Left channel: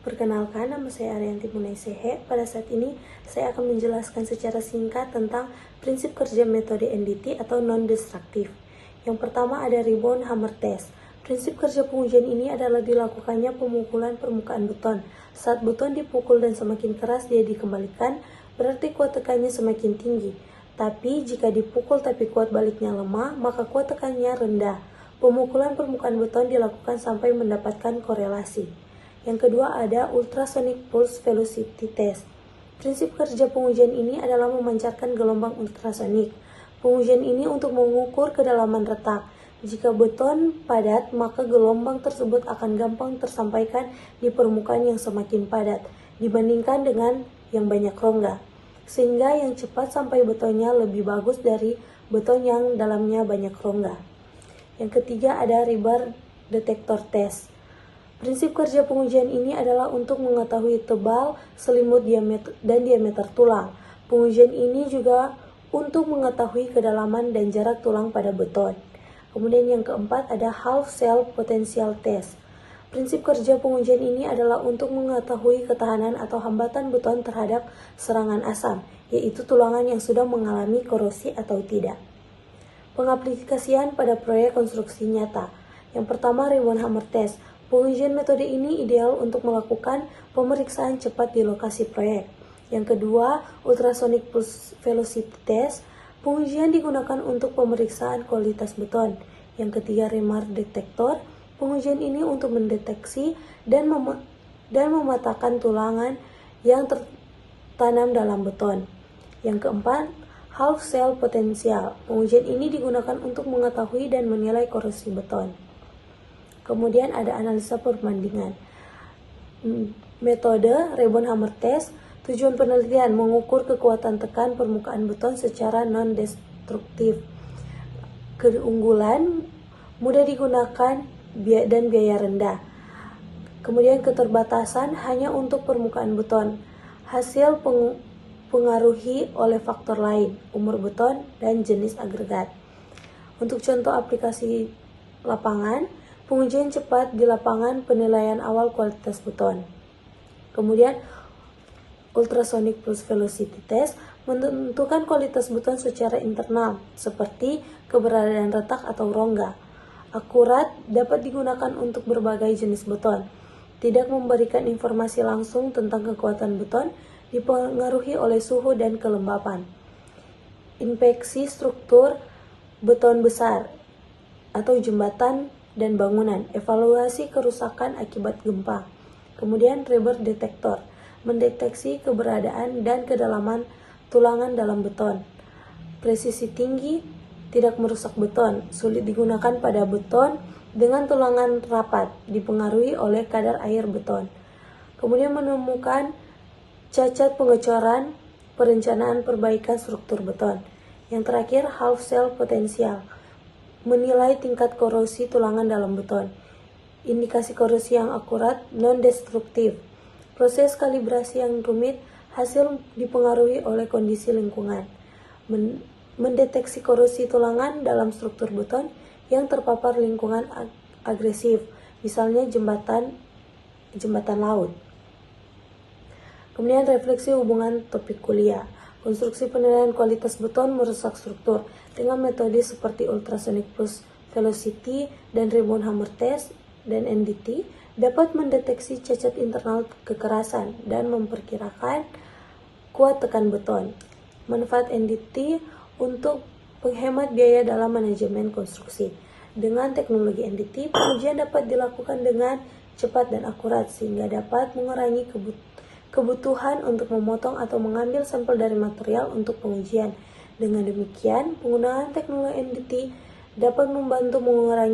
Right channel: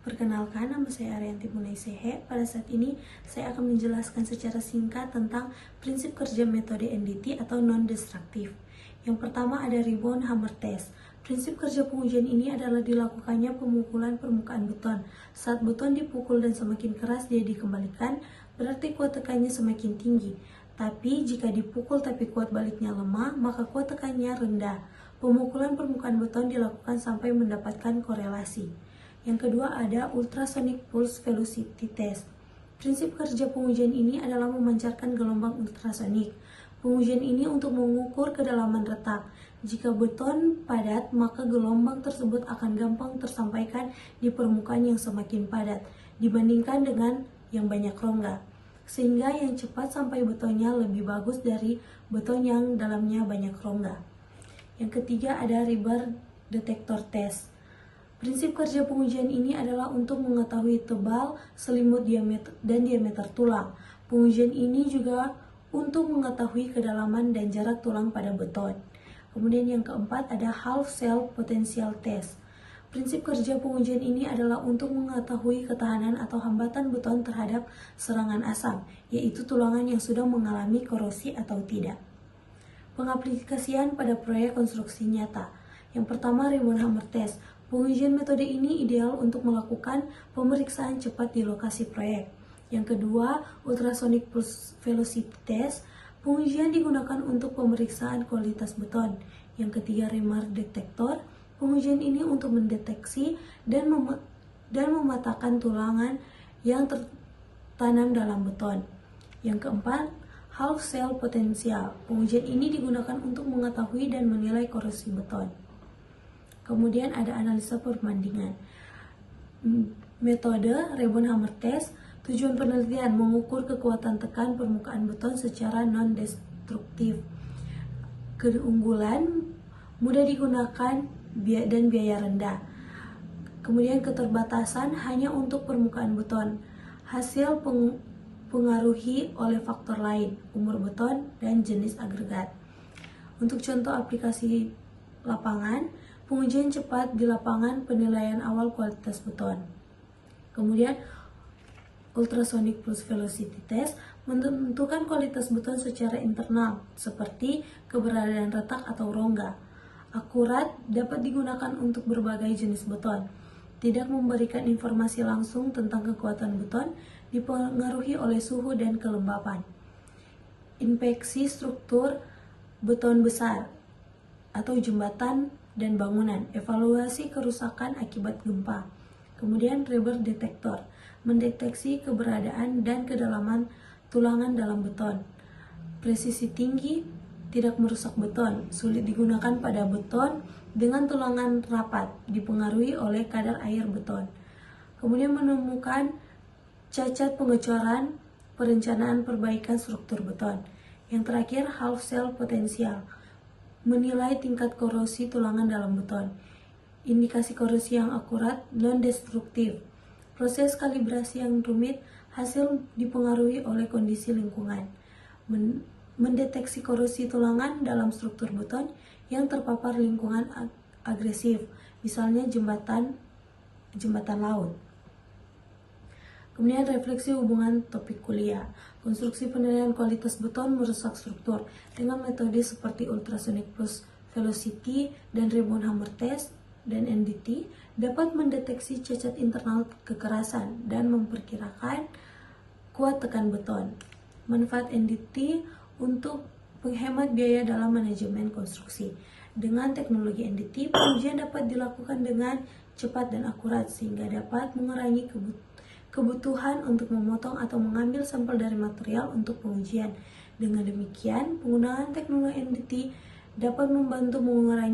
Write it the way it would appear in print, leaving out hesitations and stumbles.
Perkenalkan, nama saya Arianti Munaisehe. Pada saat ini, saya akan menjelaskan secara singkat tentang prinsip kerja metode NDT atau non-destruktif. Yang pertama ada rebound hammer test. Prinsip kerja pengujian ini adalah dilakukannya pemukulan permukaan beton. Saat beton dipukul dan semakin keras dia dikembalikan, berarti kuat tekannya semakin tinggi. Tapi jika dipukul tapi kuat baliknya lemah, maka kuat tekannya rendah. Pemukulan permukaan beton dilakukan sampai mendapatkan korelasi. Yang kedua ada ultrasonic pulse velocity test. Prinsip kerja pengujian ini adalah memancarkan gelombang ultrasonik. Pengujian ini untuk mengukur kedalaman retak. Jika beton padat, maka gelombang tersebut akan gampang tersampaikan di permukaan yang semakin padat dibandingkan dengan yang banyak rongga. Sehingga yang cepat sampai betonnya lebih bagus dari beton yang dalamnya banyak rongga. Yang ketiga ada rebar detector test. Prinsip kerja pengujian ini adalah untuk mengetahui tebal, selimut, dan diameter tulang. Pengujian ini juga untuk mengetahui kedalaman dan jarak tulang pada beton. Kemudian yang keempat ada half cell potential test. Prinsip kerja pengujian ini adalah untuk mengetahui ketahanan atau hambatan beton terhadap serangan asam, yaitu tulangan yang sudah mengalami korosi atau tidak. Pengaplikasian pada proyek konstruksi nyata. Yang pertama rebound hammer test. Pengujian metode ini ideal untuk melakukan pemeriksaan cepat di lokasi proyek. Yang kedua, ultrasonic pulse velocity test. Pengujian digunakan untuk pemeriksaan kualitas beton. Yang ketiga, rebar detector. Pengujian ini untuk mendeteksi dan mematahkan tulangan yang tertanam dalam beton. Yang keempat, half cell potential. Pengujian ini digunakan untuk mengetahui dan menilai korosi beton. Kemudian ada analisa perbandingan. Metode rebound hammer test. Tujuan penelitian mengukur kekuatan tekan permukaan beton secara non-destruktif. Keunggulan, mudah digunakan dan biaya rendah. Kemudian keterbatasan hanya untuk permukaan beton. Hasil pengaruhi oleh faktor lain, umur beton dan jenis agregat. Untuk contoh aplikasi lapangan, pengujian cepat di lapangan, penilaian awal kualitas beton. Kemudian ultrasonic pulse velocity test menentukan kualitas beton secara internal, seperti keberadaan retak atau rongga. Akurat, dapat digunakan untuk berbagai jenis beton. Tidak memberikan informasi langsung tentang kekuatan beton, dipengaruhi oleh suhu dan kelembapan. Inspeksi struktur beton besar atau jembatan dan bangunan, evaluasi kerusakan akibat gempa. Kemudian rebar detector, mendeteksi keberadaan dan kedalaman tulangan dalam beton. Presisi tinggi, tidak merusak beton, sulit digunakan pada beton dengan tulangan rapat, dipengaruhi oleh kadar air beton. Kemudian menemukan cacat pengecoran, perencanaan perbaikan struktur beton. Yang terakhir, half cell potential, menilai tingkat korosi tulangan dalam beton. Indikasi korosi yang akurat, non-destruktif. Proses kalibrasi yang rumit, hasil dipengaruhi oleh kondisi lingkungan. Mendeteksi korosi tulangan dalam struktur beton yang terpapar lingkungan agresif, misalnya jembatan laut. Kemudian refleksi hubungan topik kuliah. Konstruksi penilaian kualitas beton merusak struktur dengan metode seperti ultrasonic pulse velocity dan rebound hammer test dan NDT dapat mendeteksi cacat internal kekerasan dan memperkirakan kuat tekan beton. Manfaat NDT untuk penghemat biaya dalam manajemen konstruksi. Dengan teknologi NDT, pengujian dapat dilakukan dengan cepat dan akurat sehingga dapat mengurangi kebutuhan untuk memotong atau mengambil sampel dari material untuk pengujian. Dengan demikian, penggunaan teknologi NDT dapat membantu mengurangi